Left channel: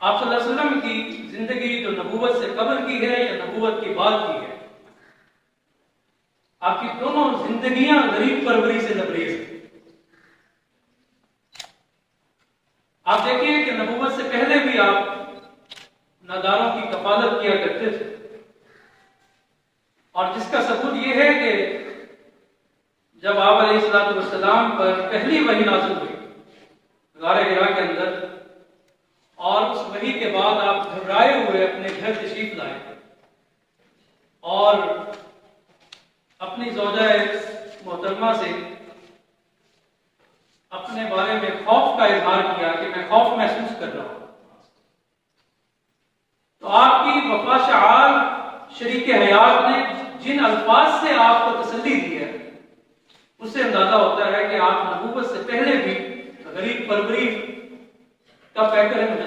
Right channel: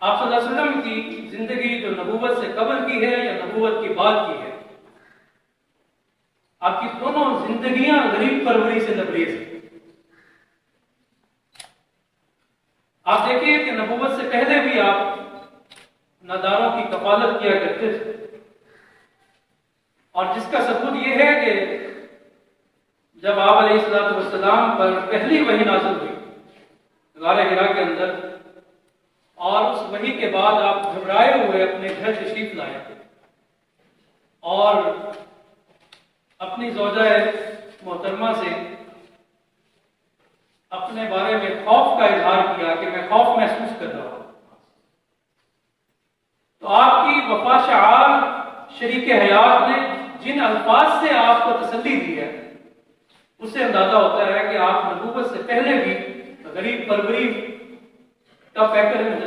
آپ صلی اللہ علیہ وسلم کی زندگی جو نبوت سے قبل کی ہے یا نبوت کی بعد کی ہے، آپ کی دونوں زندگیاں غریب پروری سے لبریز ہیں۔ آپ دیکھیے کہ نبوت سے پہلے بھی آپ ناداروں کی کفالت کیا کرتے تھے، اور جس کا ثبوت یہ ہے کہ جب آپ علیہ السلام پر پہلی وحی نازل ہوئی غار حرا کے اندر، اور اس وحی کے بعد آپ گھبرائے ہوئے اپنے گھر تشریف لائے اور اپنی زوجہ محترمہ سے اپنے بارے میں خوف کا اظہار کیا کہ میں خوف محسوس کر رہا ہوں، تو آپ کی وفا شعار شریک حیات نے جن الفاظ سے آپ کو تسلی دی ہے، اس سے اندازہ ہوتا ہے کہ آپ نبوت سے پہلے بھی غریب پروری کا پیکر